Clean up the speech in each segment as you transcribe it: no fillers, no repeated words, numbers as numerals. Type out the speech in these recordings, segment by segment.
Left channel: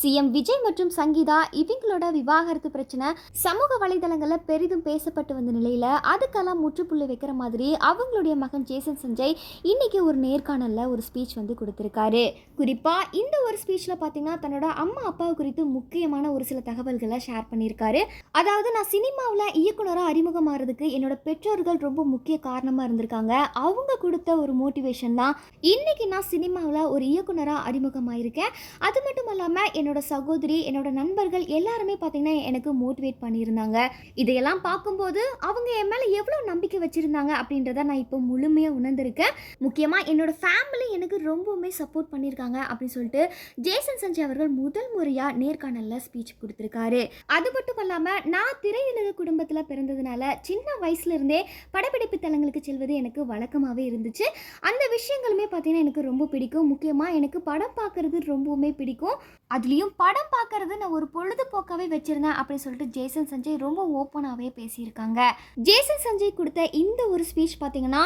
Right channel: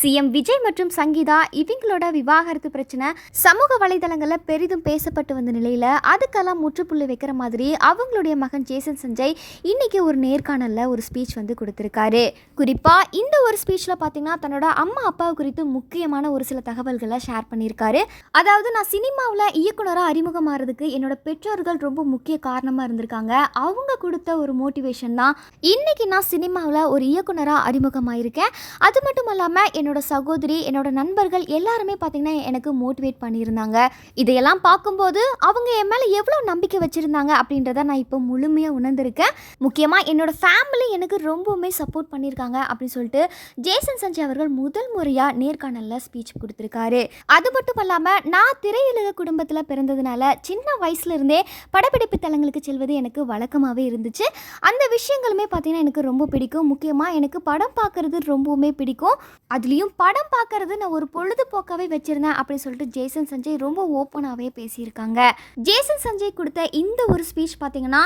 CM Vijay மற்றும் சங்கீதா இவங்களோட விவாகரத்து பிரச்சனை சமூக வலைதளங்களில் பெரிதும் பேசப்பட்டு வந்த நிலையில் அதுக்கெல்லாம் முற்றுப்புள்ளி வைக்கிற மாதிரி அவங்களுடைய மகன் ஜேசன் சஞ்சய் இன்னைக்கு ஒரு நேர்காணலில் ஒரு ஸ்பீச் வந்து கொடுத்துருக்காரு. குறிப்பாக இந்த ஒரு ஸ்பீச்சில் பார்த்தீங்கன்னா தன்னோட அம்மா அப்பாவை குறித்து முக்கியமான ஒரு சில தகவல்களை ஷேர் பண்ணியிருக்காரு. அதாவது நான் சினிமாவில் இயக்குனராக அறிமுகமாகிறதுக்கு என்னோட பெற்றோர்கள் ரொம்ப முக்கிய காரணமாக இருந்திருக்காங்க. அவங்க கொடுத்த ஒரு மோட்டிவேஷன் தான் இன்னைக்கு நான் சினிமாவில் ஒரு இயக்குனராக அறிமுகமாயிருக்கேன். அது மட்டும் இல்லாமல் என்னோட சகோதரி, என்னோட நண்பர்கள் எல்லாருமே பார்த்தீங்கன்னா எனக்கு மோட்டிவேட் பண்ணியிருந்தாங்க. இதையெல்லாம் பார்க்கும்போது அவங்க என் மேலே எவ்வளோ நம்பிக்கை வச்சுருந்தாங்க அப்படின்றத நான் இப்போ முழுமையாக உணர்ந்திருக்கேன். முக்கியமாக என்னோட ஃபேமிலி எனக்கு ரொம்பவுமே சப்போர்ட் பண்ணியிருக்காங்க அப்படின்னு சொல்லிட்டு ஜேசன் சஞ்சய் அவர்கள் முதல் முறையாக நேர்காணலில் ஸ்பீச் கொடுத்துருக்காரு. அது மட்டும் இல்லாமல் நான் திரையுலக குடும்பத்தில் பிறந்ததுனால சின்ன வயசுலேருந்தே படப்பிடிப்பு தலங்களுக்கு செல்வது எனக்கு வழக்கமாகவே இருந்துச்சு. அந்த விஷயங்களுமே பார்த்தீங்கன்னா எனக்கு ரொம்ப பிடிக்கும். முக்கியமாக எனக்கு படம் பார்க்குறது ரொம்பவுமே பிடிக்கும். அதுலேயும் படம் பார்க்கறது நான் ஒரு பொழுதுபோக்காகவே வச்சுருந்தேன் அப்படின்னு சொல்லிட்டு ஜேசன் சஞ்சய் ரொம்ப ஓப்பனாகவே பேசியிருக்காங்க. ஜேசன் சஞ்சய் கொடுத்த இந்த ஒரு ஸ்பீச் பார்த்தீங்கன்னா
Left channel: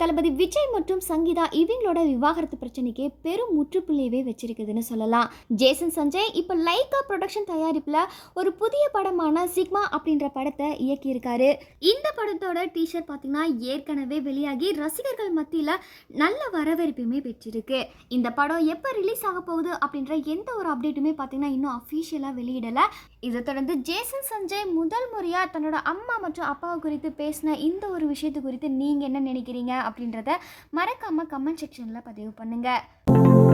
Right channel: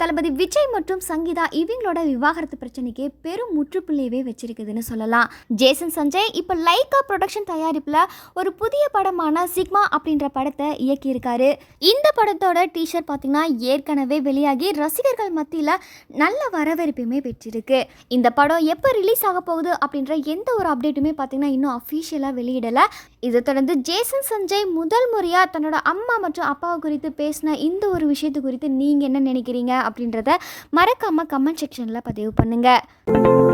தளபதி விஜய் மற்றும் சங்கீதா இவங்களோட விவாகரத்து பிரச்சனைக்கு பெரும் முற்றுப்புள்ளியவே வச்சிருக்குதுன்னு சொல்லலாம். ஜேசன் சஞ்சய் இப்போ லைகா ப்ரொடக்ஷன் தயாரிப்பில் ஒரு புதிய படமான சிக்மா அப்படின்ற படத்தை இயக்கியிருக்காரு. இந்த படத்தோட டீஷர்ட் பார்த்தீங்கன்னா ஏற்கனவே வெளியாகி ரசிகர்கள் மத்தியில் நல்ல வரவேற்புமே பெற்றிருக்கு. இந்த படம் எப்போ ரிலீஸ் ஆக போகுது அப்படின்ற எந்த ஒரு அப்டேட்டுமே பார்த்தீங்கன்னா இன்னும் அஃபீஷியலாக வெளியிடலை. இதை தொடர்ந்து ஜேசன் சஞ்சய் முதல் முறையாக தன்னோட அம்மா மற்றும் அப்பாவை குறித்து பேசின இந்த ஒரு விஷயத்து குறித்து நீங்கள் என்ன நினைக்கிறீங்க அப்படின்றத மறக்காமல் கமெண்ட் செக்ஷனில் பதிவு பண்ணுங்கள்.